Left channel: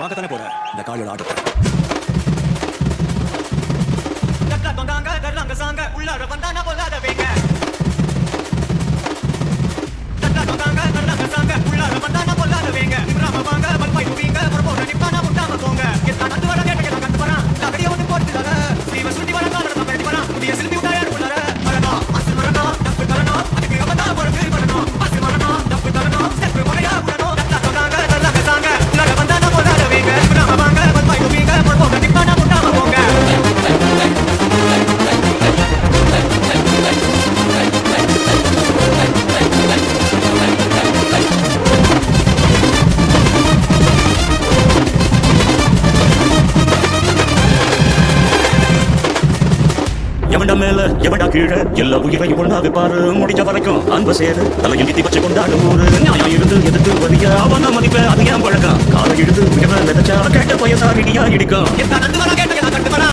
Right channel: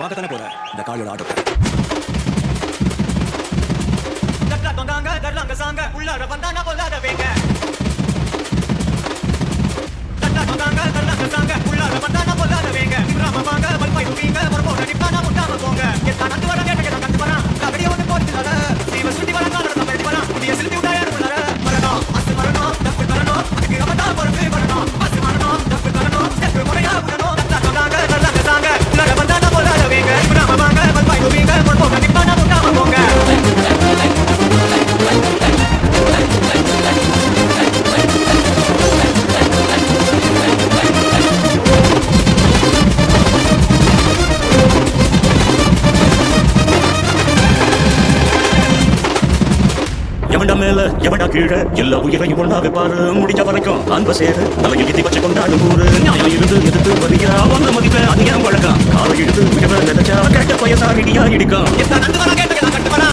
வாங்கத்தானே போற இந்த காளியோட ஆட்டத்தை. தொங்காங்க கர்லாங்க சாங்க உள்ளார வந்தானா பொல்லாத வேங்க. தொங்காங்க கர்லாங்க சாங்க உள்ளார வந்தானா பொல்லாத வேங்க. இப்ராம வாங்க பல்பாய் வீங்க பரபோட நிப்பானா முட்டாம போங்க. எத்தா நந்து வர கேட்டக கண்டு வரா கபடிய வந்து போடுதுல சீவ சுண்டி வர காலற தம்படி வரா முடிய சில்பி உடாயார் உள்ளார மரணம் அஸ் மரணம் டப்பு கரணம் அதுக்கு அவதா பொறுப்பு வரணும் அஸ் மரணம் டப்பு கரணம் ஸ்டெப் முறையா உடணும். தொங்காங்க கர்லாங்க சாங்க உள்ளார வந்தானா பொல்லாத வேங்க. இப்ராம வாங்க பல்பாய் வீங்க பரபோட நிப்பானா முட்டாம போங்க. எவன்டா மேல எவன்டா கீழே எல்லா உயிரையும் ஒண்ணா வைப்பாரு. முடிஞ்ச வரைக்கும் அன்ப சேரு தலையில் கித்தி வச்சு கொண்டாடும் ஊரு. நியாயம் இருந்து எதிர்த்து வரிய அவன மதிப்ப அது ஏன் பழக்கம். காலை இழுது உயர நினைச்சா கேட்ட பயசா இடியா இடிக்கும். நந்து வர கேட்டக கண்டு வரா